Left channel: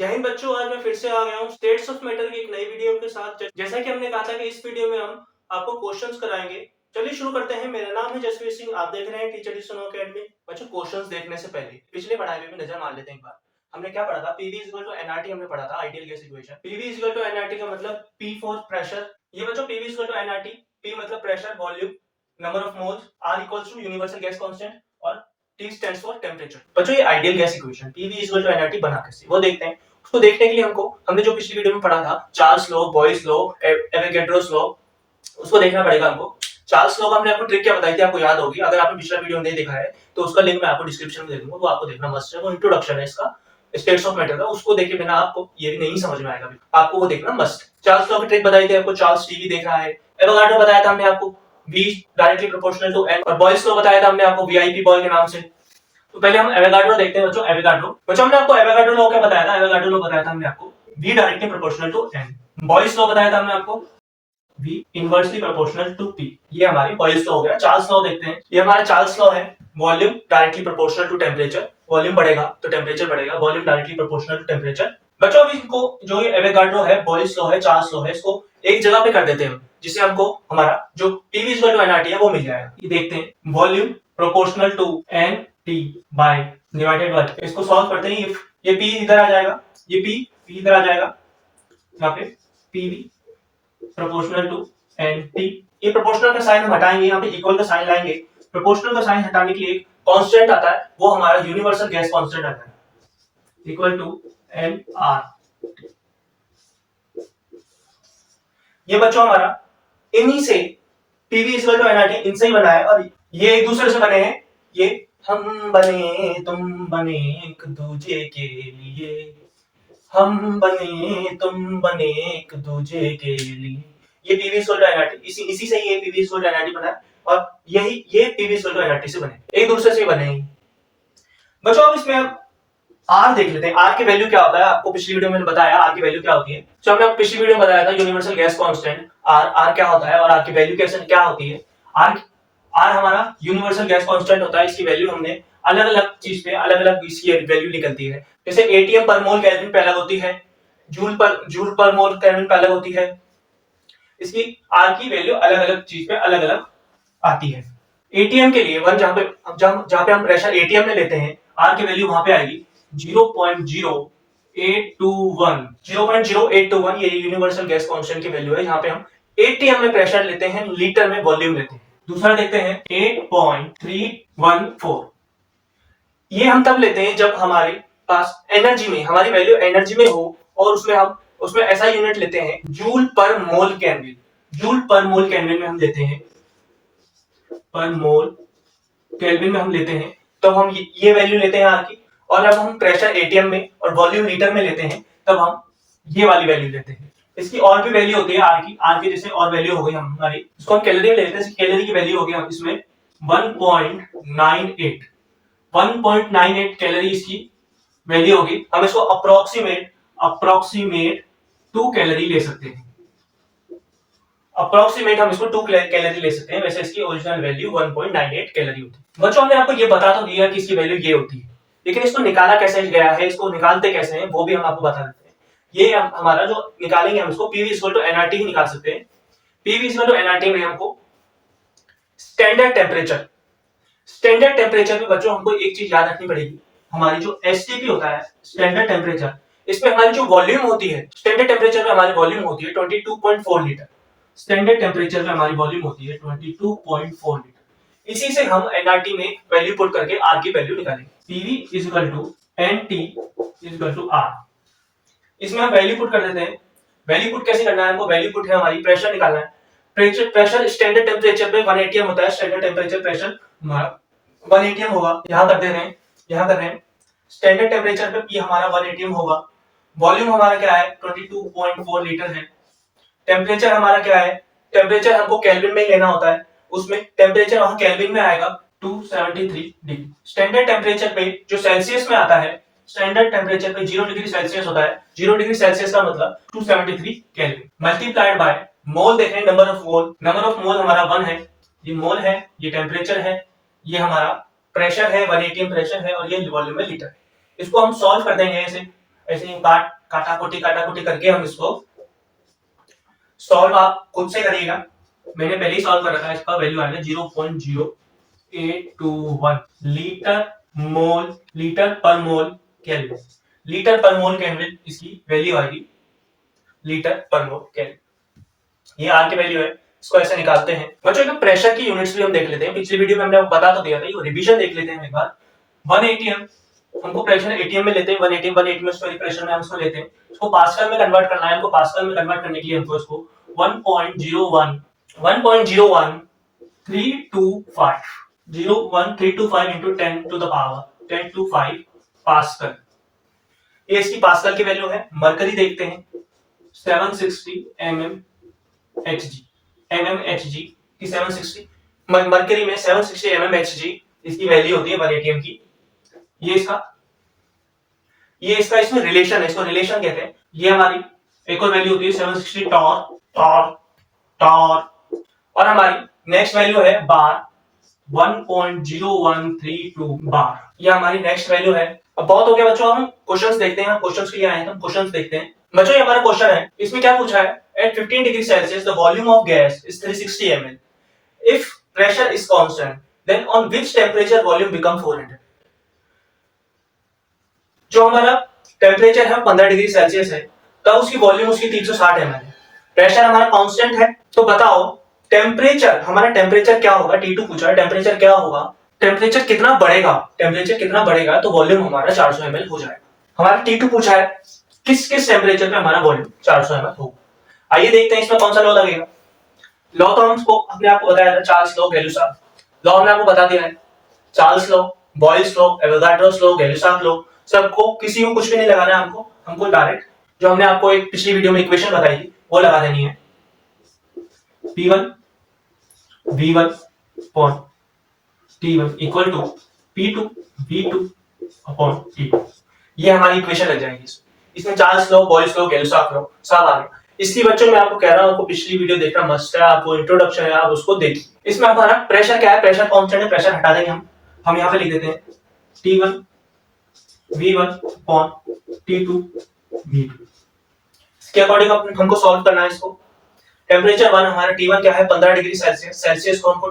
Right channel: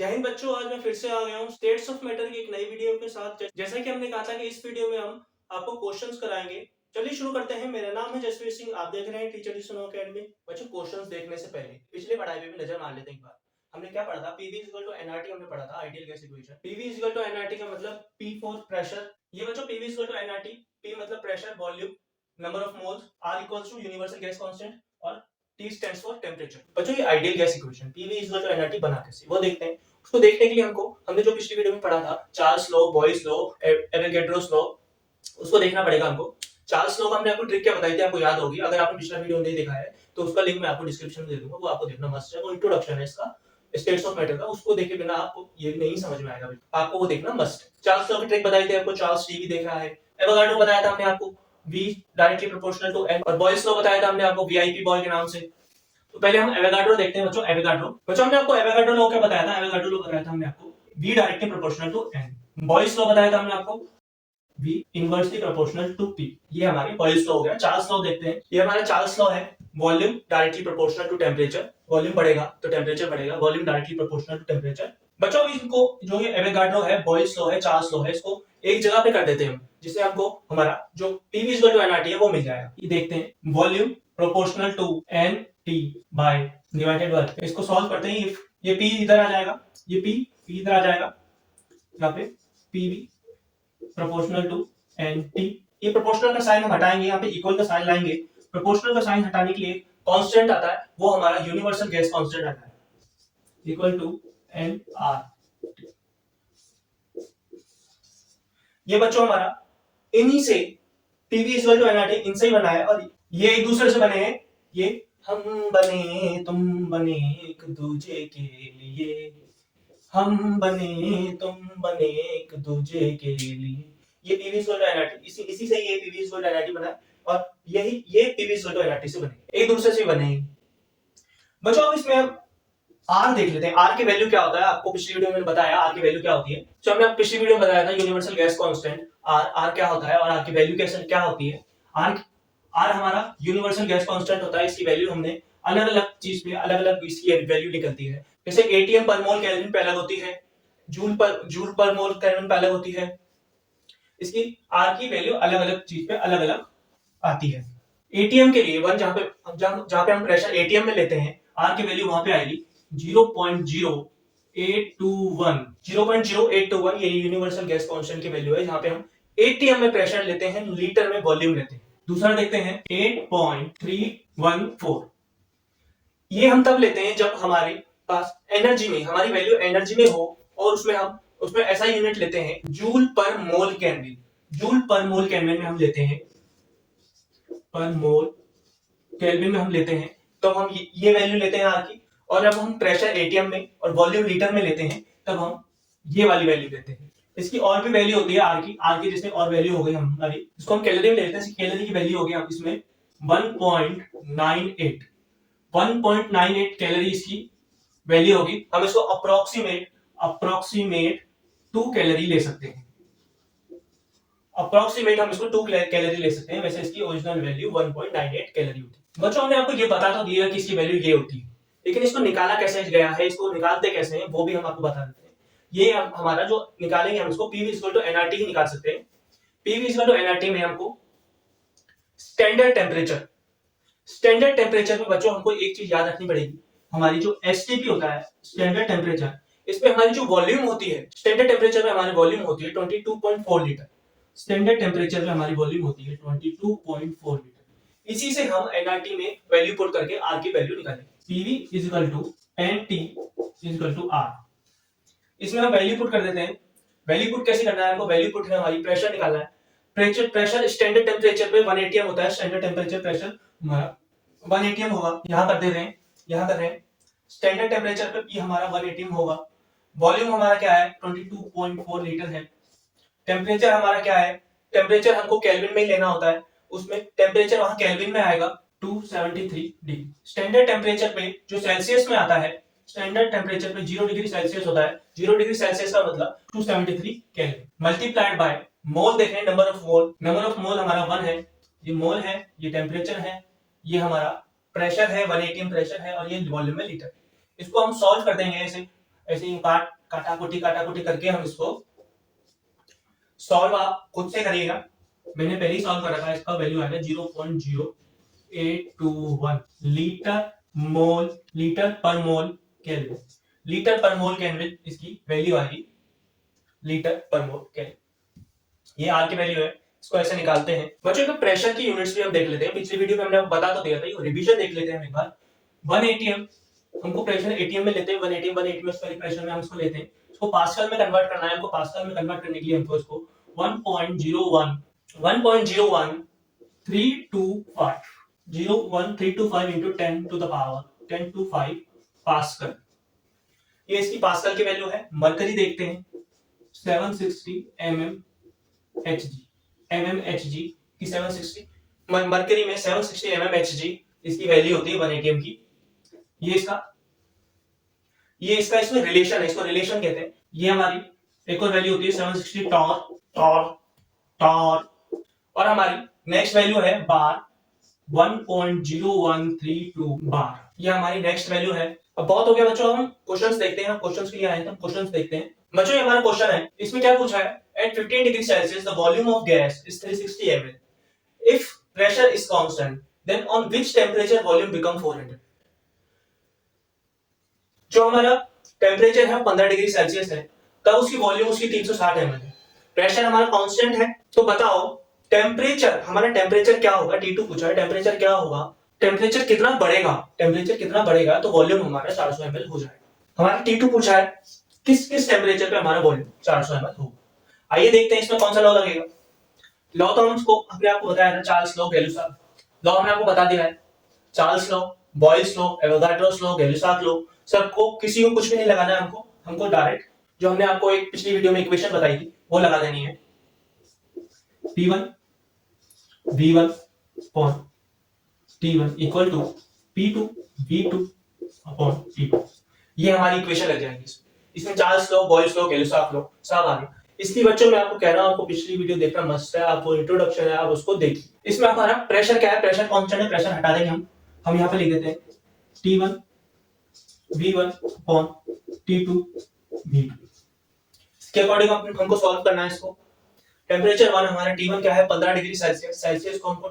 जय हिंद बच्चों, आज मैं फिर से आ गया हूँ स्टेट्स ऑफ मैटर की एक नई वीडियो के साथ। जैसा कि हमने कहा था कि इस वीडियो में हम आपको क्वेश्चंस कराएंगे। चलिए शुरू करते हैं। मेरा नाम है जसवीर सिंह, आप देख रहे हैं टीचर डी सुनो अकेडमी। बच्चों, क्वेश्चंस देखने से पहले पिछले पढ़ाई में भी नजर मार लेते हैं एक बार। हमने क्या पढ़ा था? पीवी इक्वल टू एनआरटी हमने पढ़ा था, ideal gas equation. PV equal to NRT का मतलब पी फॉर प्रेशर। ये बच्चों PV equal to NRT, P मतलब pressure, volume, number of moles, R equals to universal gas constant और टी स्टैंड्स फॉर टेंपरेचर। बच्चों ये ideal gas equation PV equal to NRT बना कैसे, वो देखते हैं। उसको देखने के लिए हमने जो पिछली वीडियो में पढ़ा था Charles law, boys law, Avogadro's law, उसको देखना पड़ेगा हमको। चार्ल्स लॉ का हमने आपको ट्रिक क्या बताई थी, आपको याद होगी। अगर आपने पिछला वीडियो नहीं देखा है तो उसका लिंक मैं आपको डिस्क्रिप्शन में दे दूंगा, वो आपको देखना मस्ट है। वो इंट्रोडक्शन है इसका स्टेट्स ऑफ मैटर का, उसको देखे बिना आपको ये भी नहीं समझ में आएगा, आपको वो देखना मस्ट। चार्ल्स लॉ की ट्रिक बताई थी आपको, चार्ल्स टीवी देख रहा है। एवोगाड्रो बताया था हमने आपको v directly proportional to n, और बॉयस लॉ बताया था हमने आपको वीआईपी बॉय के नाम से। तो पहले हम एवोगाड्रो देखते हैं बच्चों। एवोगाड्रो हमने आपको एवोगाड्रो लॉ क्या बताया था? एवोगाड्रो लॉ बताया था हमने आपको v directly proportional to n। Boyle's law बताया था हमने आपको v inversely proportional to p। ये हमारी बॉयस लॉ हो गया। चार्ल्स लॉ देखते हैं। ये हमारा चार्ल्स लॉ है, volume directly proportional to temperature. Volume बढ़ेगा तो टेंपरेचर बढ़ेगा, volume directly proportional to temperature. बच्चों अभी इनको जो ये एवोगाड्रो है, बॉयस लॉ है, चार्ल्स लॉ है, इसको एक जगह पे कर देते हैं, जिससे हमको हमारा जो पीवी इक्वल टू एनआरटी है वो मिल जाएगा। ये देखते हैं, volume proportional to n t by divided by, इसको सॉल्व करते हैं। ये p इधर आ जाएगा, ये p इधर आ जाएगा, यहाँ पे pv proportional to n t. ये प्रोपोर्शनल का साइन हम हटाएंगे, यहाँ पे इक्वल का साइन लाएंगे। प्रोपोर्शनल का साइन हटाने के लिए एक कांस्टेंट आता है, वो हमारा यूनिवर्सल गैस कांस्टेंट आता है, इक्वल टू एन आर। ये बच्चों हमारा इन्हीं से पीवी इक्वल टू एनआरटी इनसे ही बना है, और ये एक दूसरे से बने हैं। ये हम बने तुम बने एक दूजे के लिए, हम बने तुम बने एक दूजे के लिए। ये पीवी इक्वल टू एनआरटी, इसी से ये पीवी इक्वल टू एनआरटी बना है, और यही ये पीवी इक्वल टू एनआरटी से बने, एक दूसरे से बने हैं बच्चों। अब इसमें हम आर देख लेते हैं। आर की वैल्यू क्या होता है, आपको पिछली वीडियो में बताया आर की वैल्यू क्या होती है। तो हमने पिछली वीडियो में बताया था यूनिवर्सल गैस कांस्टेंट आर क्या होता है और आर की वैल्यू कैसे क्या होती है। आर हमारा यूनिवर्सल गैस कांस्टेंट होता है। इसकी वैल्यू हमने अलग अलग चीज पे अलग अलग इसकी वैल्यू निकलती है। जैसे एटीएम पर मोल केल्विन पे अलग होती है, जूल पर मोल केल्विन पे अलग होती है। इसकी आर की वैल्यू अलग अलग चीज पे अलग अलग आती है। एटीएम के लिए वन, जहां पे हम प्रेशर एटीएम में लेते हैं, आर की वैल्यू वहां पे आएगी 0.0821। ये यूनिवर्सल गैस कांस्टेंट की वैल्यू है, जहां पे हम एटीएम में प्रेशर लेते हैं, लीटर में वॉल्यूम लेते हैं। दूसरा देखते हैं 8.314। ये हम तब लेते हैं जब हमारे पास एनर्जी में, हमारी वैल्यू एनर्जी में हो, और उसमें ऐसा यूनिट लेते हैं जूल पर मोल केल्विन। जूल पर मोल केल्विन में हम लेते हैं, पर मोल केल्विन में हम लेते हैं, तो हम ये वैल्यू लेते हैं आर की। और जब हम प्रेशर एटीएम में और वॉल्यूम लीटर में लेते हैं, तब हम ये वाली वैल्यू लेते हैं। इसकी और भी वैल्यू होती है आर की जैसे और वैल्यू हो गई हमारी, इसको हम कैलोरी में लेते हैं। कैलोरी की वैल्यू होगी हम इसमें 1.98 कैलोरी इसकी वैल्यू होगी। हम इसको अप्रोक्सीमेट 2 कैलोरी ले सकते हैं। अप्रोक्सीमेट हम इसको 2 कैलोरी ले सकते हैं, वैसे इसकी ओरिजिनल वैल्यू 1.98 कैलोरी होती है। बच्चों हमने आपको ये बता तो दिया कि इसकी वैल्यू ये होती है, लेकिन इसको निकाला कैसे गया है, इसको निकालते कैसे हैं, वो भी हम आपको बता देते हैं। ये हमारा जो निकालेंगे, हम इसको पीवी इक्वल टू एनआरटी ही निकाल सकते हैं। पीवी इक्वल टू एनआरटी में हमको स्टैंडर्ड टेम्परेचर में बच्चों हमको एक चीज याद रखनी पड़ेगी। हमारी जो एसटीपी होता है, स्टैंडर्ड टेम्परेचर, इसमें हमारी जो वॉल्यूम होती है, स्टैंडर्ड टेम्परेचर में हमारी वॉल्यूम होती है 22.4 लीटर। स्टैंडर्ड टेम्परेचर में हमारी वॉल्यूम होती है 22.4 लीटर। इसी से हम एनआरटी में वैल्यू पुट करके आर की वैल्यू निकालेंगे। PV is equal to n T is equal to R. इसमें हम वैल्यू पुट कर देते हैं। वैल्यू पुट कैसे करना है हमको? वैल्यू पुट है हमारी प्रेशर निकालना है। प्रेशर स्टैंडर्ड टेम्परेचर पे 1 एटीएम होता है। स्टैंडर्ड टेम्परेचर प्रेशर हमारा 1 एटीएम होगा। यहां कर दे रहे हैं, यहां कर रहे हैं। स्टैंडर्ड टेम्परेचर पे पी हमारा 1 एटीएम होगा। वॉल्यूम हमारा क्या है? 22.4 लीटर है। टेम्परेचर हमारा क्या है? टेम्परेचर हमको केल्विन में ही लेना होता है, उसमें टेम्परेचर वहां केल्विन में आएगा 273 डिग्री। स्टैंडर्ड टेम्परेचर पे जो सेल्सियस में आता है, स्टैंडर्ड टेम्परेचर पे 0 डिग्री सेल्सियस होता है। 0 डिग्री सेल्सियस का मतलब 273 केल्विन मल्टीप्लाइड बाय मोल। देख रहे हैं number of mole, number of mole हमारा 1 है। ये मोल है, ये टेम्परेचर है, ये हमारा प्रेशर है, 1 एटीएम प्रेशर है, और ये वॉल्यूम में लीटर। इसको हम सॉल्व कर देंगे ऐसे। ऐसे ही काटा कोटी करके हम इसको सॉल्व आप खुद से करिएगा। मैंने पहले ही सॉल्व कर रखा है, इसका वैल्यू आ गया 0.0821 लीटर पर मोल केल्विन। लीटर पर मोल केल्विन इसकी वैल्यू आएगी, लीटर पर मोल केल्विन। ये आर की वैल्यू है, इसको ऐसे निकालते हैं। बच्चों का प्रेशर की यूनिट्स भी हम देख लेते हैं, पिछली वीडियो में हमने आपको बता तो दिया था, ये रिवीजन देख लेते हैं एक बार। 1 एटीएम हमको प्रेशर एटीएम में लेते हैं, 1 एटीएम स्क्वायर प्रेशर में हम इसको लेते हैं, इसको पास्कल में कन्वर्ट करना है। हमको पास्कल में कन्वर्ट करने के लिए हमको इसको 1.01325 into 10 to the power 10 to 5 pascal. ये इसकी पास्कल की वैल्यू है। मरकरी देखते हैं 760 mmHg की 760 मरकरी में 760 mmHg इसकी वैल्यू होती है 1 एटीएम की। ये इसका इसमें रिलेशन है, इसको रिलेशन कहते हैं। ये हमारी एक और वैल्यू होती है 760 टॉर और हमारी नेक्स्ट वैल्यू है बार 1.0132 बार। ये हमारी नेक्स्ट वैल्यू है। अब बहुत हो गया बच्चों, हम क्वेश्चंस देखते हैं। क्वेश्चंस के लिए आए हैं, हम क्वेश्चंस देखते हैं। बच्चों ये हमारा क्वेश्चन है, इसमें क्या पूछा है, at 15 degree Celsius the volume of gas is 360 ml. If pressure is constant, then on which temperature volume become 400? जो हमारा टेम्परेचर है 15 डिग्री सेल्सियस है, तब उसकी वॉल्यूम उसकी 360 ml है। प्रेशर हमारा कांस्टेंट है, तो बताओ टेम्परेचर, हमारा टेम्परेचर क्या होगा। T2 पूछा है, टेम्परेचर क्या होगा, टेम्परेचर कितना बढ़ेगा तो वॉल्यूम हमारा 400 ml हो जाएगा। हमारा T2 पूछा है किस टेम्परेचर पे हमारा वॉल्यूम 400 ml होगा। आइए देखते हैं इसमें कौन सा लॉ लगेगा। लॉ तो हमको अपने आप को बताया था, चार्ल्स लॉ, गैलुसाक लॉ हमने आपको बता दिया है। Charles law, Boyle's law, Avogadro's law, Gay Lussac law, सबको किसी को कुछ भी नहीं लगाना है। हमको डायरेक्ट जो हमने आपको एक पिछली वीडियो में इक्वेशन बताई थी वो लगा देनी है। P1 V1 upon T1 equal to P2 V2 upon T2। ये हमारी इक्वेशन लग जाएगी। इसमें Charles law, Boyle's law, Gay Lussac law सब आ गए। इसलिए बच्चों मैं आपको कह रहा हूं, आपको पिछली वीडियो देखना मस्ट है, आपको इंट्रोडक्शन है, आप उसको देखिए। इसमें हमारा प्रेशर क्या है, प्रेशर कांस्टेंट है, प्रेशर हटा देंगे हम यहां पे लिख देते हैं T1 V1 upon T2 V2। इसके अकॉर्डिंग हमको सॉल्व करना है इसको। टेम्परेचर 1 हमारा T1 क्या है 15 डिग्री सेल्सियस, सेल्सियस को हमको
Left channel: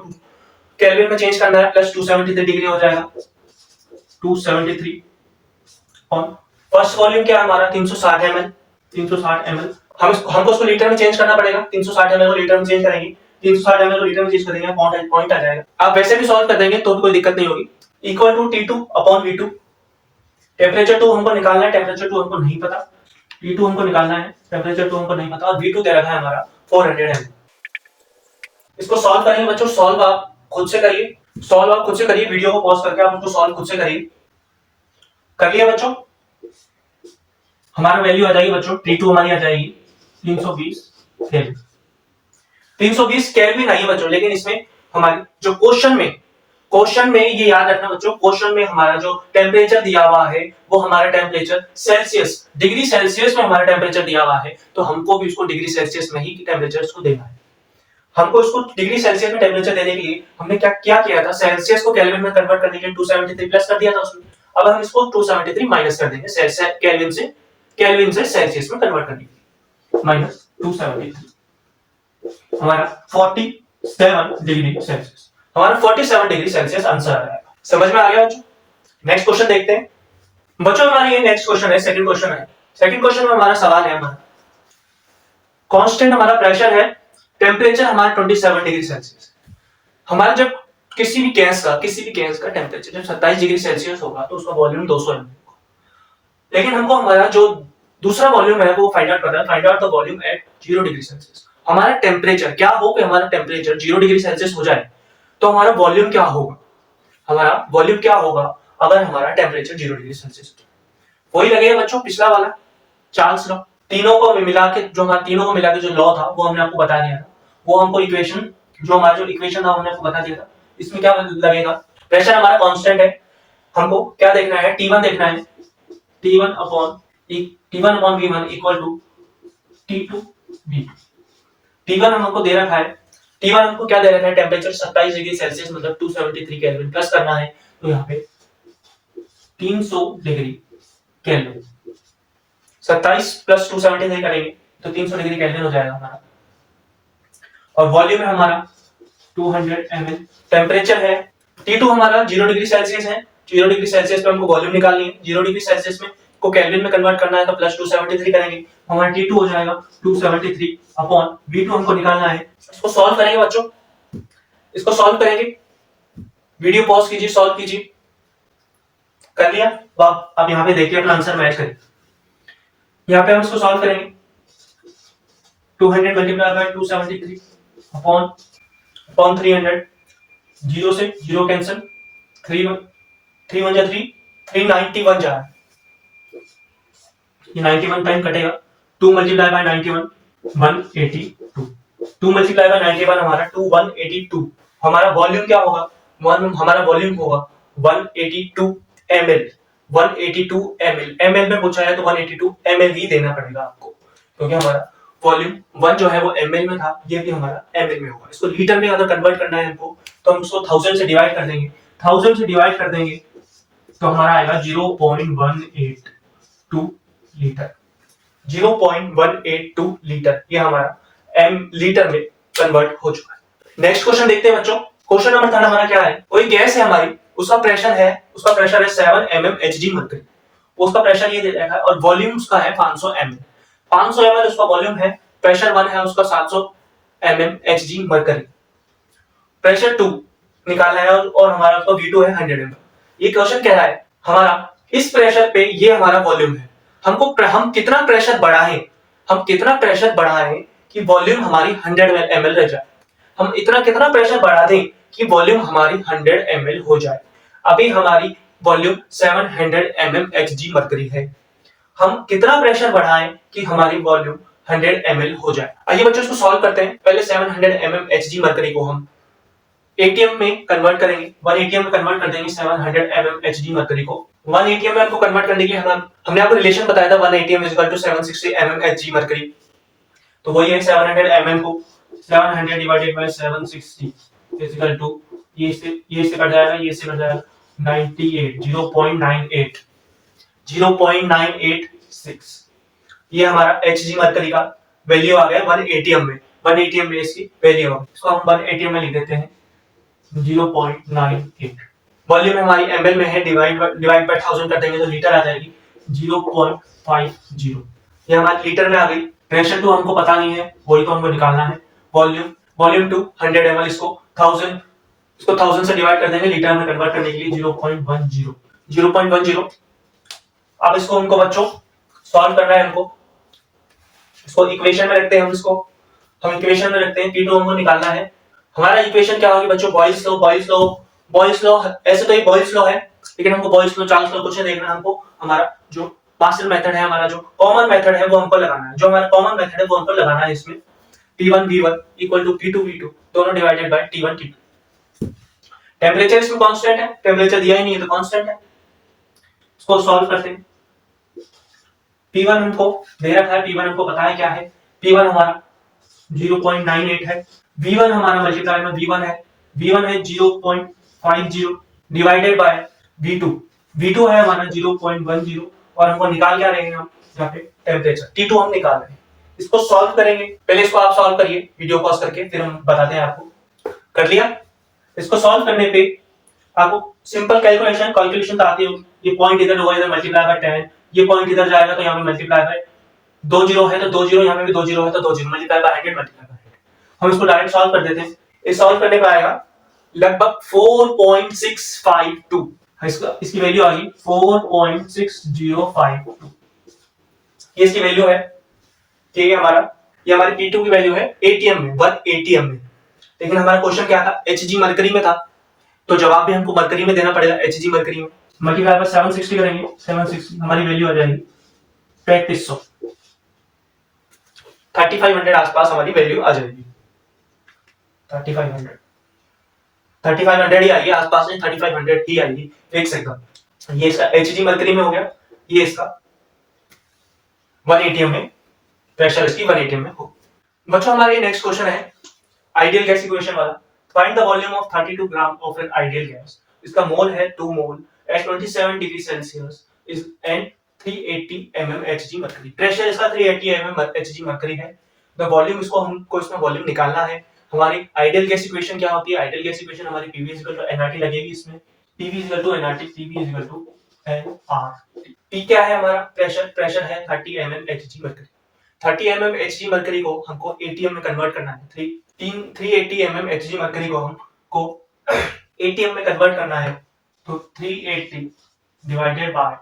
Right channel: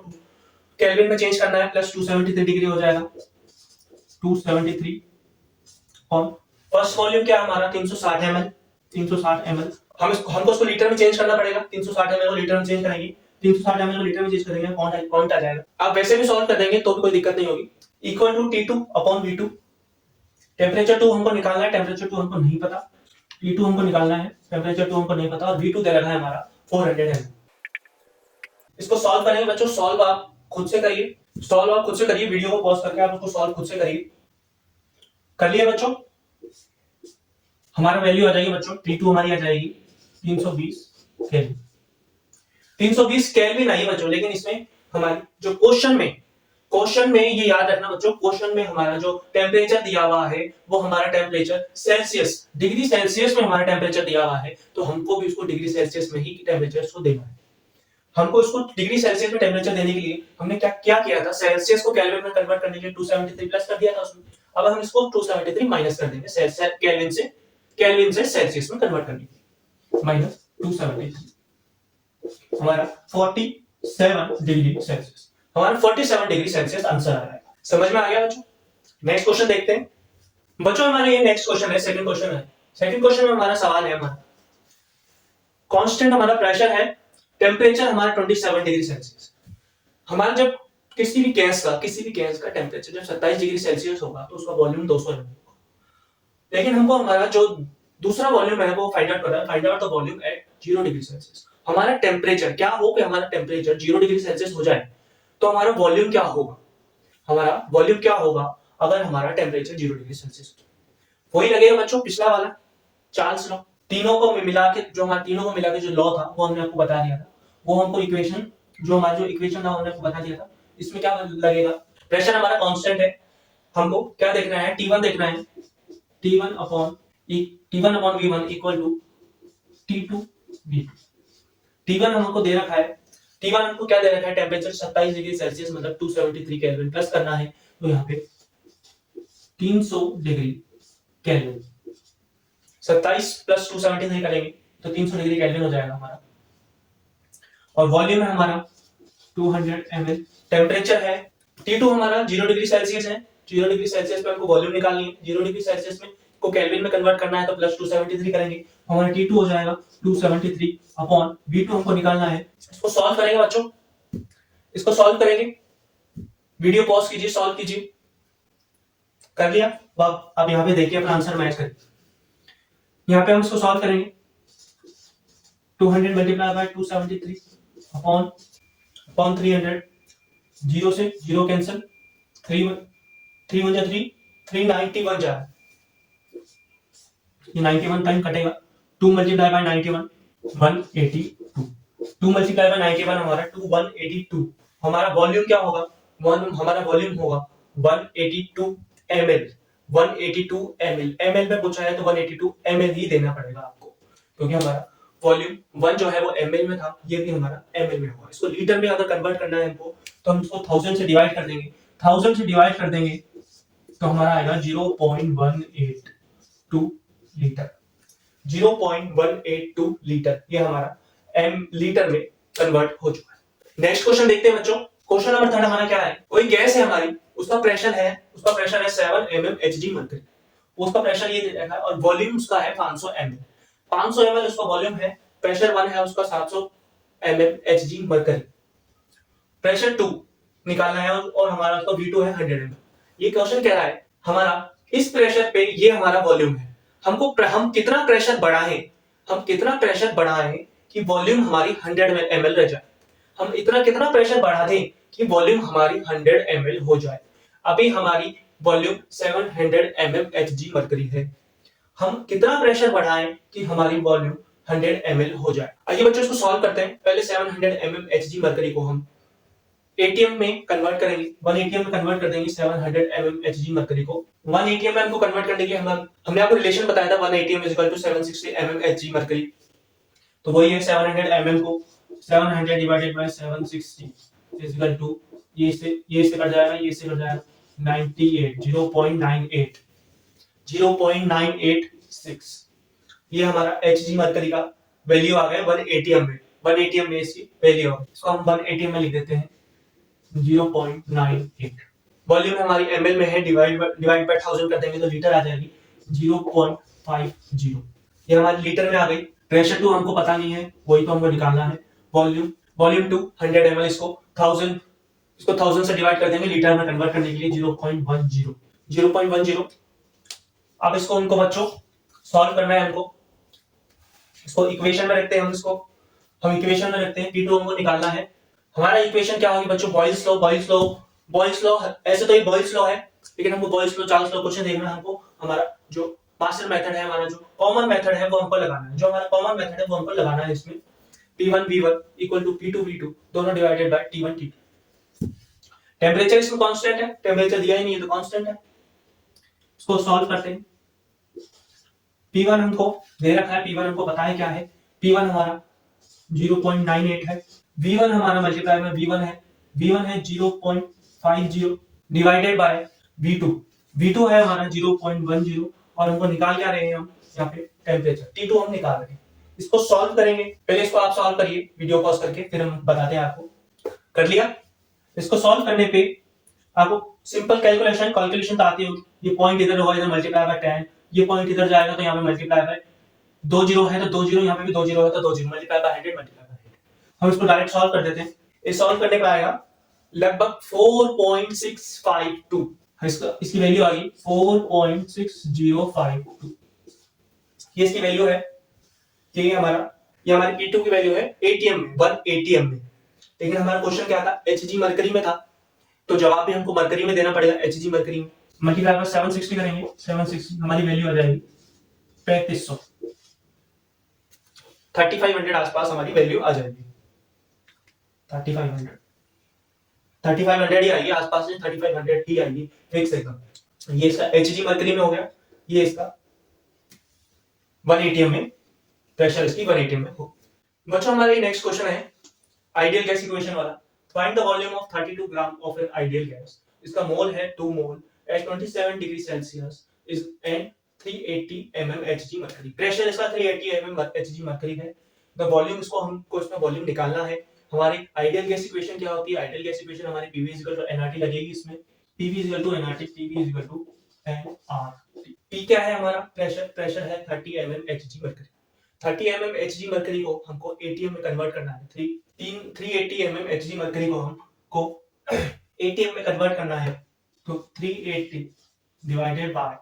केल्विन में चेंज करना है, प्लस 273 डिग्री हो जाएगा 273 ऑन। फर्स्ट वॉल्यूम क्या है हमारा 360 ml हमको उसको लीटर में चेंज करना पड़ेगा। 360 ml को लीटर में चेंज करेंगे, 360 ml को लीटर में चेंज करेंगे, पॉइंट आ जाएगा। आप वैसे भी सॉल्व कर देंगे तो भी कोई दिक्कत नहीं होगी। Equal to T2 upon V2। Temperature 2 हमको निकालना है, टेम्परेचर 2 हमको नहीं पता, T2 हमको निकालना है, टेम्परेचर 2 हमको नहीं पता, और V2 दे रखा है हमारा 400 ml। इसको सॉल्व करेंगे बच्चों, सॉल्व आप खुद से करिए, वीडियो को पॉज करके आप उसको सॉल्व खुद से करिए। कर लिया बच्चों, हमारा वैल्यू आ जाएगी बच्चों, T2 हमारी आ जाएगी 320 केल्विन। 320 केल्विन आई है बच्चों, लेकिन इसमें हमारी जो क्वेश्चन में ये याद रखना बच्चों, क्वेश्चन में हमारा जो टेम्परेचर दिया हुआ है वो हमारा टेम्परेचर सेल्सियस, डिग्री सेल्सियस में हमारा टेम्परेचर दिया हुआ है, तो हमको भी उसको डिग्री सेल्सियस में ही टेम्परेचर को देना है। हमको इसको डिग्री सेल्सियस में टेम्परेचर देने के लिए हमने क्या किया था, सेल्सियस को केल्विन में कन्वर्ट करने के लिए 273 प्लस कर दिया था उसमें। अब हम इसको 273 माइनस कर देंगे केल्विन से सेल्सियस में कन्वर्ट करने के लिए, माइनस 273 हमारा 47 डिग्री सेल्सियस, हमारा 47 डिग्री सेल्सियस आंसर आ जाएगा। समझ में आ गया बच्चों। नेक्स्ट क्वेश्चन देखते हैं बच्चों। हमारा ये नेक्स्ट क्वेश्चन है, सेकंड क्वेश्चन है। सेकंड क्वेश्चन में हमारा सवाल है, हमारा कांस्टेंट हमारा प्रेशर है, टेम्परेचर हमारा 27 डिग्री सेल्सियस। हमारा जब किसी भी गैस का टेम्परेचर जब 27 डिग्री सेल्सियस होगा तो उसका वॉल्यूम 200 ml होगा। लेकिन हमको हमारा जो दूसरा वॉल्यूम है वो फाइंड आउट करना है, find out the volume at 0 degree Celsius. हमारा टेम्परेचर क्या हो कि हमारा टेम्परेचर 0 डिग्री सेल्सियस हो जाए तो हमारा वॉल्यूम क्या होगा, अगर हमारा टेम्परेचर 0 डिग्री सेल्सियस हो। वही लगेगा बच्चों पिछला वाला चार्ल्स लॉ। तीनों को मिला के जो लॉ था वो हमने आपको बता दिया था, वो हमको इक्वेशन जो था हमने आपको बता दिया था। इसमें क्या लगेगा, प्रेशर हमारा कांस्टेंट है, हमको क्या देखना है, T1 देखना है, T1 upon V1 equal to T2 V2। T1 हमको दे रखा है, T1 हमको क्या दे रखा है, टेम्परेचर 27 डिग्री सेल्सियस मतलब 273 केल्विन, प्लस करना है तो यहाँ पे 300 डिग्री केल्विन। 27 प्लस 273 करेंगे तो 300 डिग्री केल्विन हो जाएगा हमारा। और वॉल्यूम है हमारा 200 ml। टेम्परेचर है T2 हमारा 0 डिग्री सेल्सियस है। 0 डिग्री सेल्सियस पे हमको वॉल्यूम निकालनी है। 0 डिग्री सेल्सियस में को केल्विन में कन्वर्ट करना है तो प्लस 273 करेंगे, हमारा T2 हो जाएगा 273 अपॉन V2 हमको निकालना है। इसको सॉल्व करेंगे बच्चों, इसको सॉल्व करेंगे। वीडियो पॉज कीजिए, सॉल्व कीजिए। कर लिया? आप यहाँ पे देखिए अपना आंसर मैच करें। यहाँ पे हम इसको सॉल्व करेंगे। 200 मल्टीप्लाई बाय 273 अपॉन 300, 0 से 0 कैंसिल, 3 1 जा 3, 391 जा, ये 91 टाइम कटेगा। 2 मल्टीप्लाई बाय 91 182, 2 मल्टीप्लाई बाय 91 हमारा 182। हमारा वॉल्यूम क्या होगा? हमारा वॉल्यूम होगा 182 ml। 182 ml, ml में पूछा है तो 182 ml ही देना पड़ेगा आपको, क्योंकि हमारा वॉल्यूम 1 जो है वो ml में था, ये भी हमारा ml में होगा। इसको लीटर में अगर कन्वर्ट करना है हमको तो हम इसको 1000 से डिवाइड कर देंगे। 1000 से डिवाइड कर देंगे तो हमारा आएगा 0.182 लीटर। 0.182 लीटर, ये हमारा लीटर में कन्वर्ट हो चुका है। नेक्स्ट क्वेश्चन देखते हैं बच्चों। क्वेश्चन नंबर 3 हमारा क्या है? कोई गैस है हमारी, उसका प्रेशर है 7 mm Hg मरकरी। उसका प्रेशर ये दे रखा है और वॉल्यूम उसका है 500 ml। 500 ml उसका वॉल्यूम है, प्रेशर 1 है उसका 700 mm Hg मरकरी। प्रेशर 2 निकालना है और हमारा उसका V2 है 100 ml। ये क्वेश्चन कह रहा है हमारा इस प्रेशर पे ये हमारा वॉल्यूम है, हम कितना प्रेशर बढ़ाएं कि वॉल्यूम हमारी 100 ml रह जाए। हम कितना प्रेशर बढ़ा दें कि वॉल्यूम हमारी 100 ml हो जाए। अभी हमारी वॉल्यूम 700 mm Hg मरकरी है। हम कितना प्रेशर बढ़ाएं कि हमारी वॉल्यूम 100 ml हो जाए। आइए बच्चों इसको सॉल्व करते हैं। पहले 700 mm Hg मरकरी को हम ATM में कन्वर्ट करेंगे। 1 ATM में कन्वर्ट कर देंगे 700 mm Hg मरकरी को। 1 ATM में हमको कन्वर्ट करने के लिए हमने आपको रिलेशन बताया था 1 ATM is equal to 760 mm Hg mercury. तो वही है 700 mm को 700 divided by 760 is equal to ये से कट जाएगा, ये से कट जाएगा 98, 0.986। ये हमारा Hg मरकरी का वैल्यू आ गया 1 ATM में। 1 ATM में इसकी वैल्यू आ गई। इसको हम 1 ATM में लिख देते हैं 0.98। वॉल्यूम हमारी ml में है, डिवाइड बाय 1000 कर देंगे तो लीटर आ जाएगी 0.50। ये हमारी लीटर में आ गई। प्रेशर 2 हमको पता नहीं है, वही तो हमको निकालना है। वॉल्यूम 2 100 ml, इसको 1000 से डिवाइड कर देंगे लीटर में कन्वर्ट करने के लिए 0.10। अब इसको हमको बच्चों सॉल्व करना है। हमको इसको इक्वेशन में रखते हैं। हम इक्वेशन में रखते हैं। T2 हमको निकालना है। हमारा इक्वेशन क्या होगी बच्चों? Boyle's law. ऐसे तो ये बॉयल्स लॉ है, लेकिन हमको बॉयल्स लॉ, चार्ल्स लॉ कुछ नहीं देखना। हमको हमारा जो मास्टर मेथड है, हमारा जो कॉमन मेथड है वो हमको लगाना है। जो हमारा कॉमन मेथड है वो हमको लगाना है। इसमें P1 V1 equal to P2 V2 दोनों divided by T1 T2। Temperature इसमें कांस्टेंट है, टेम्परेचर दिया ही नहीं है तो कांस्टेंट है। इसको सॉल्व करते हैं। P1 हमको दे रखा है, P1 हमको पता है क्या है। P1 हमारा 0.98 है। V1 हमारा मल्टीप्लाई में V1 है 0.50 डिवाइडेड बाय V2 है हमारा 0.10। और हमको निकाल क्या रहे हैं हम यहाँ पे? टेम्परेचर T2 हम निकाल रहे हैं। इसको सॉल्व करेंगे। पहले इसको आप सॉल्व करिए वीडियो पॉज करके, फिर हम बताते हैं आपको। कर लिया? इसको सॉल्व करने पे आपको सिंपल कैलकुलेशन तो आती होगी। ये पॉइंट इधर होगा, इधर मल्टीप्लाई बाय 10, ये पॉइंट इधर जाएगा तो यहाँ पे मल्टीप्लाई बाय 2 जीरो है तो 2 जीरो, यहाँ पे भी 2 जीरो है तो 2 zero, multiply by 100 multiply by 100। हम इसको डायरेक्ट सॉल्व कर देते हैं। इस सॉल्व करने पे आएगा लगभग 4.652। इसकी वैल्यू आ गई 4.6052। ये इसकी वैल्यू है। ठीक है, ये हमारे P2 की वैल्यू है ATM में, 1 ATM में। लेकिन हमारा क्वेश्चन क्या था? Hg मरकरी में था, तो जवाब भी हमको मरकरी में देना पड़ेगा। Hg मरकरी में मल्टीप्लाई बाय 760 करेंगे, 760 हमारी वैल्यू आ जाएगी 3500, 3500 आसपास हमारी वैल्यू आ जाएगी। 3500 ही आएगी आसपास में, 3500 ही आएगी फिक्स एकदम। ये इसका Hg मरकरी में हो गया, ये इसका 1 ATM में, प्रेशर इसकी 1 ATM में हो। बच्चों हमारा ये नेक्स्ट क्वेश्चन है आइडियल गैस इक्वेशन वाला। Find the volume of 32 gram of an ideal gas. इसका मोल है 2 mole at 27 degree Celsius and 380 mm Hg mercury. Pressure इसका 380 mm Hg मरकरी है। द वॉल्यूम, इसको हमको इसमें वॉल्यूम निकालना है। हमारी आइडियल गैस इक्वेशन क्या होती है? आइडियल गैस इक्वेशन हमारी PV nRT लगेगी इसमें। PV nRT, PV nRT। P क्या है हमारा? प्रेशर, प्रेशर है 30 mm Hg mercury. 30 mm Hg mercury को हमको ATM में कन्वर्ट करना है। 380 mm Hg मरकरी को हमको ATM में कन्वर्ट करना है। तो 380 डिवाइडेड बाय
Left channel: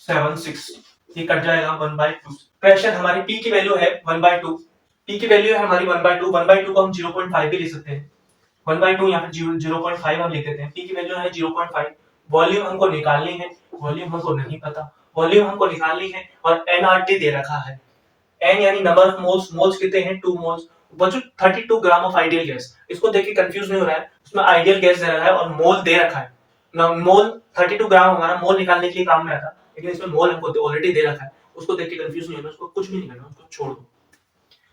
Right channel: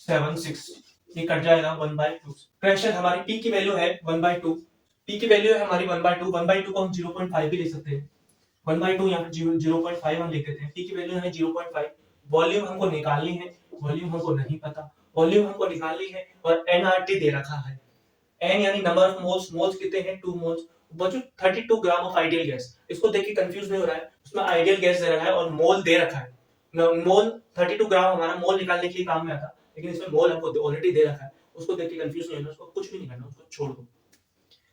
760, ये कट जाएगा 1/2। प्रेशर हमारी P की वैल्यू है 1/2। P की वैल्यू है हमारी 1/2। 1/2 को हम 0.5 भी ले सकते हैं। 1/2 या फिर 0.5 हम लिख देते हैं। P की वैल्यू है 0.5। वॉल्यूम हमको निकालनी है, वॉल्यूम हमको नहीं पता, वॉल्यूम हमको निकालनी है और nRT दे रखा है। n यानी नंबर ऑफ मोल्स, मोल्स कितने हैं? 2 मोल्स। बच्चों 32 ग्राम ऑफ आइडियल गैस, इसको देख के कंफ्यूज नहीं हो रहा है, उसमें आइडियल गैस दे रखा है और मोल दे रखा है। मोल 32 ग्राम हमारा मोल निकालने के लिए काम में आता, लेकिन इसमें मोल हमको ऑलरेडी दे रखा है, उसको देख के कंफ्यूज नहीं होना, उसको कुछ भी नहीं करना, उसको छोड़ दो।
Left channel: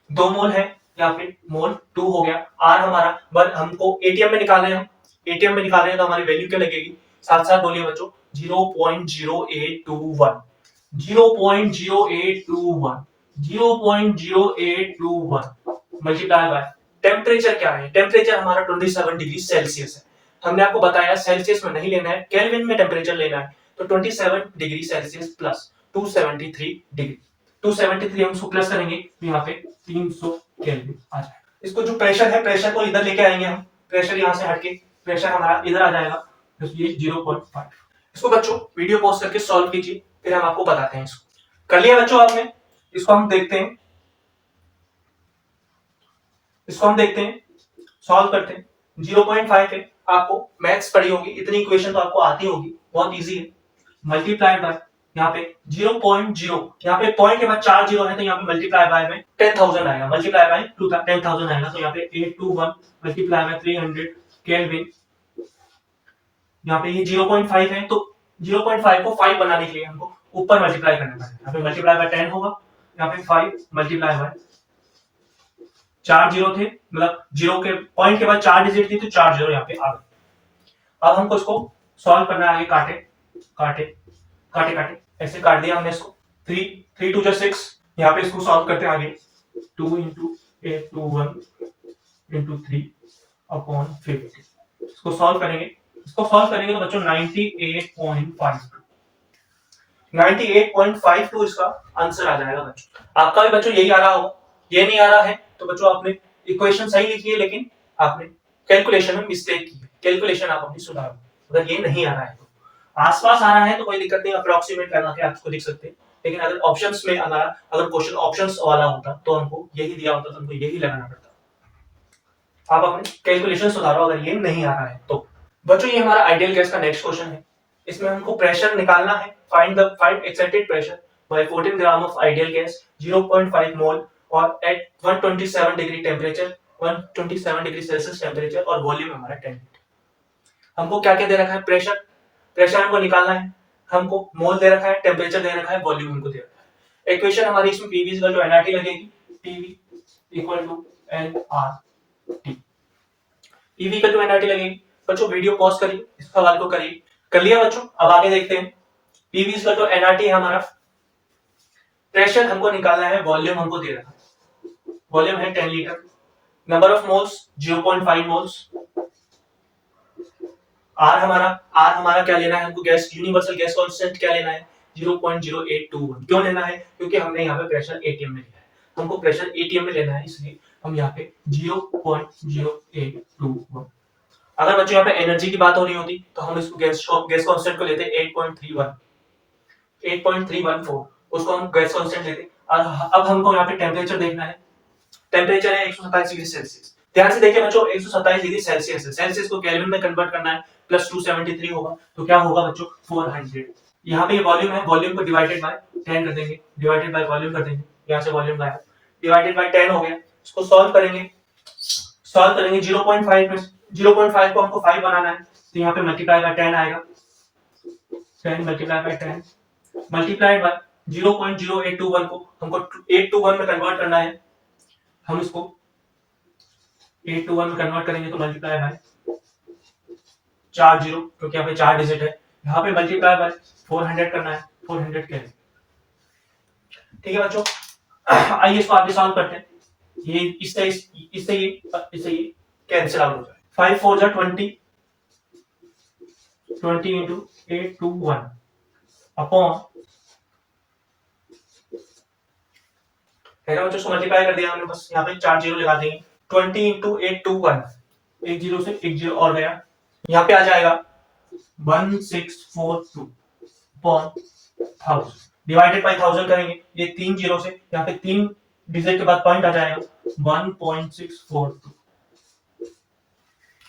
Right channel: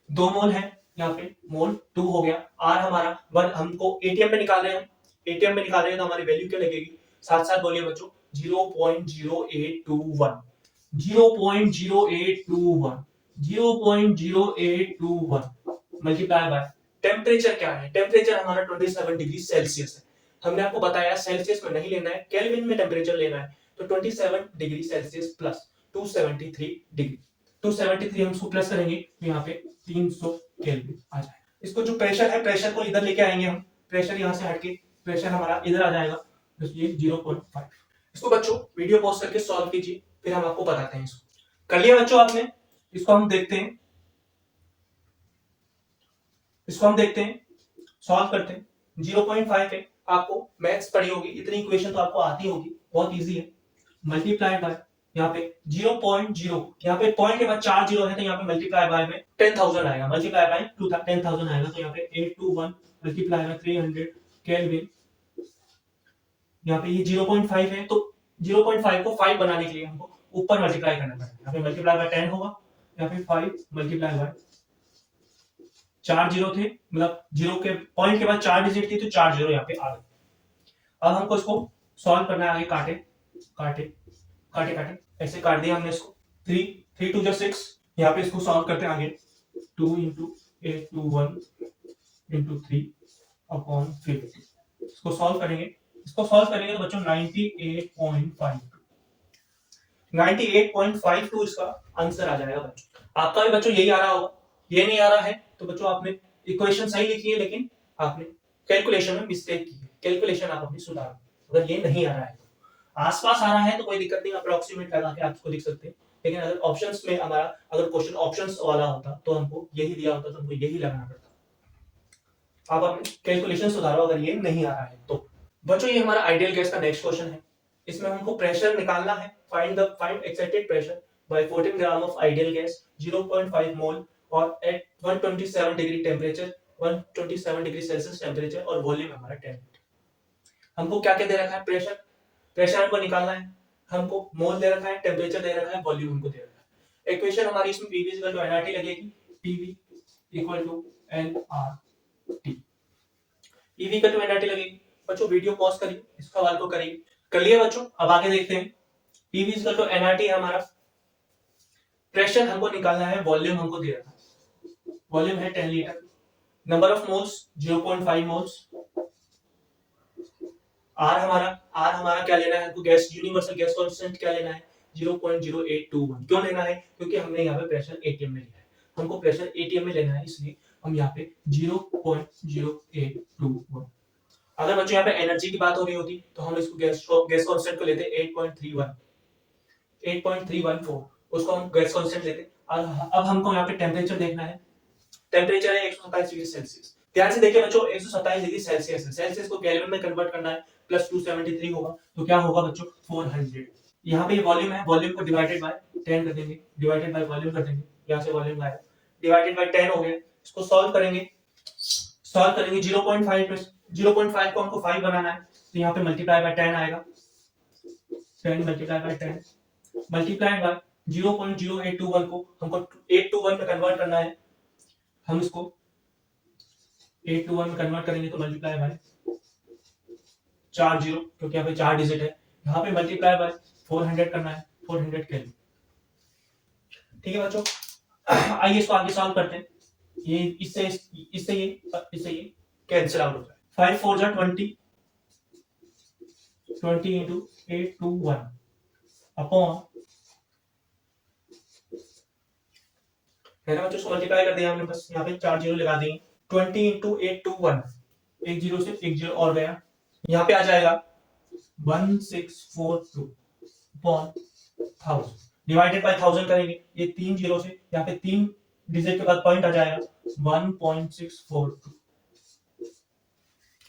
2 मोल है या फिर मोल 2 हो गया। आर हमारा 1, हमको एटीएम में निकालना है, हम एटीएम में निकाल रहे हैं तो हमारी वैल्यू क्या लगेगी? साथ साथ बोलिए बच्चों, 0.0821, 0.0821, 0.0821 मल्टीप्लाई बाय टेम्परेचर क्या है? टेम्परेचर हमारा 27 डिग्री सेल्सियस है। हमने आपको बताया सेल्सियस में नहीं लेना है, केल्विन में टेम्परेचर लेना है। तो 27 डिग्री सेल्सियस प्लस 273 डिग्री, 273 हम उसको प्लस करेंगे तो यहाँ पे 300 केल्विन आ जाएगा। इसको जो प्रेशर है, प्रेशर को इधर लेके आएंगे हम, प्रेशर यहाँ से हटके प्रेशर हमारा इधर आ जाएगा, तो ये 0.5। इसको बच्चों वीडियो पॉज करके सॉल्व कीजिए, फिर हम आपको बताते हैं। इसको कर लिया बच्चों आपने? इसको हम देखते हैं, इसको हम देखते हैं, सॉल्व करते हैं। 0.5 है, आपको मैथ्स पढ़ी होगी, इतनी इक्वेशन तो आपको आती होगी, बहुत इजी है। मल्टीप्लाई बाय यहाँ पे 0.0, यहाँ पे पॉइंट के बाद 4 जीरो है तो यहाँ पे मल्टीप्लाई बाय में 10,000 आएगा, मल्टीप्लाई बाय 10,000 आएगा, तो यहाँ पे 821 मल्टीप्लाई बाय 300 केल्विन। यहाँ पे ये 0.5 है, तो 0.5 को 5 बनाने के लिए हमको ऊपर मल्टीप्लाई करना है। यहाँ पे मल्टीप्लाई बाय 10 होगा, यहाँ पे 5 मल्टीप्लाई बाय 4 जीरो थे, मतलब जीरो के पॉइंट के बाद 4 डिजिट थी तो 4 जीरो यहाँ पे आ गए। अब हमको इसको सॉल्व करना है, काटे काटे काटे काटे, ऐसे काट दिया हमने इसको। 3 2 6, यहाँ पे इसको सॉल्व करते हैं आगे। 2 into 821 into 3 upon 50, इसको सॉल्व करेंगे, इसको सॉल्व करेंगे तो बच्चों 98.52 इसका आंसर आ जाएगा बच्चों। आपका भी बच्चों यही आ रहा होगा। ये नहीं आ रहा है तो बच्चों आपने इक्वेशन सही लिखी है, लेकिन आपने कैलकुलेशन में मिस्टेक की है, कैलकुलेशन आप अपनी सुधारो। अगर ये नहीं आ रहा है तो आसपास आ रहा है तो कोई दिक्कत नहीं, अप्रोक्सीमेट लगा के आप इसको लिख सकते हैं। लेकिन अगर ऑप्शंस में अगर क्वेश्चन ऑप्शंस वाला होता तो हमको यही दिया होता, तो हमको यही लगाना पड़ता। आप अपने कैलकुलेशन सुधारो अगर ये नहीं आ रहा है तो। बच्चों ये हमारा आइडियल गैस का नेक्स्ट क्वेश्चन है। इसमें हमको प्रेशर निकालना है, find excited pressure by 14 gram of ideal gas 0.5 mole और at 127 degree temperature, 127 degree Celsius temperature, और वॉल्यूम हमारा 10 लीटर। हमको क्या क्या दे रखा है? प्रेशर, प्रेशर हमको निकालना है, हमको मोल दे रखा है, टेम्परेचर दे रखा है, वॉल्यूम हमको दे रखा है। इक्वेशन हमारी इसमें PV इक्वल टू nRT लगेगी, PV equal to nRT, PV equal to nRT लगेगी। बच्चों वीडियो पॉज करिए, इस सवाल को करिए। कर लिया बच्चों? अब आगे देखते हैं। PV इक्वल टू nRT है हमारा, प्रेशर हमको निकालना है, वॉल्यूम हमको दे रखा है, वॉल्यूम है 10 litre, number of moles 0.5 moles. R हमारा क्या लेना है हमको? गैस, यूनिवर्सल गैस कांस्टेंट क्या लेना है? 0.0821। क्यों लेना है? क्योंकि हमने यहाँ पे प्रेशर एटीएम में लिया है, हमको प्रेशर एटीएम में लेना है, इसलिए हम यहाँ पे 0.0821। अगर बच्चों यहाँ पे एनर्जी की बात हो रही होती तो हम इसको गैस कांस्टेंट को लेते 8.31, 8.314, उसको हम गैस कांस्टेंट लेते। और अब हमको यहाँ पे टेम्परेचर देखना है, टेम्परेचर है 127 डिग्री सेल्सियस। ध्यान से देखिए बच्चों, 127 डिग्री सेल्सियस है, सेल्सियस को केल्विन में कन्वर्ट करना है, प्लस 273 होगा, तो क्या होगा बच्चों? 400। यहाँ पे वॉल्यूम है, वॉल्यूम को डिवाइडेड बाय 10 कर देंगे, डिवाइडेड बाय वॉल्यूम कर देंगे, यहाँ से वॉल्यूम बाय डिवाइडेड बाय 10 हो गया। इसको सॉल्व करेंगे, 0.5 में 0.5 को हमको 5 बनाना है, तो यहाँ पे मल्टीप्लाई बाय 10 आएगा, 10 मल्टीप्लाई बाय 10 मल्टीप्लाई बाय 0.0821 को हमको 821 में कन्वर्ट करना है, हम इसको 821 में कन्वर्ट करेंगे तो मल्टीप्लाई बाय 4 जीरो, क्योंकि यहाँ पे 4 डिजिट है, यहाँ पे मल्टीप्लाई बाय 400 करना है, 400 केल्विन। ठीक है बच्चों, आइए इसको आगे सॉल्व करते हैं। ये इससे ये कैंसिल आउट हो जाए। 5 4 जा 20, 20 इंटू 821 अपॉन, है ना बच्चों, इसको मल्टीप्लाई कर दिया हमने, बस यहाँ पे 4 जीरो लगा देंगे। 20 इंटू 821, एक जीरो से एक जीरो और गया, यहाँ पे आ जाएगा 1642 अपॉन 1000, डिवाइडेड बाय 1000 करेंगे, ये 3 जीरो से यहाँ पे 3 डिजिट के बाद पॉइंट आ जाएगा 1.642।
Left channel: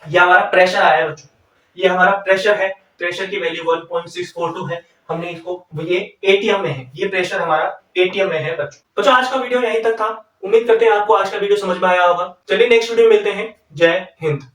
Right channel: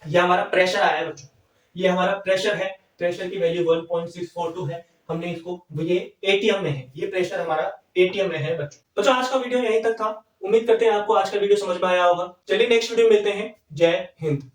ये हमारा प्रेशर आया बच्चों, ये हमारा प्रेशर है, प्रेशर की वैल्यू 1.642 है। हमने इसको, ये एटीएम में है, ये प्रेशर हमारा एटीएम में है बच्चों। आज का वीडियो यहीं तक था, उम्मीद करते हैं आपको आज का वीडियो समझ में आया होगा। चलिए नेक्स्ट वीडियो में मिलते हैं। जय हिंद।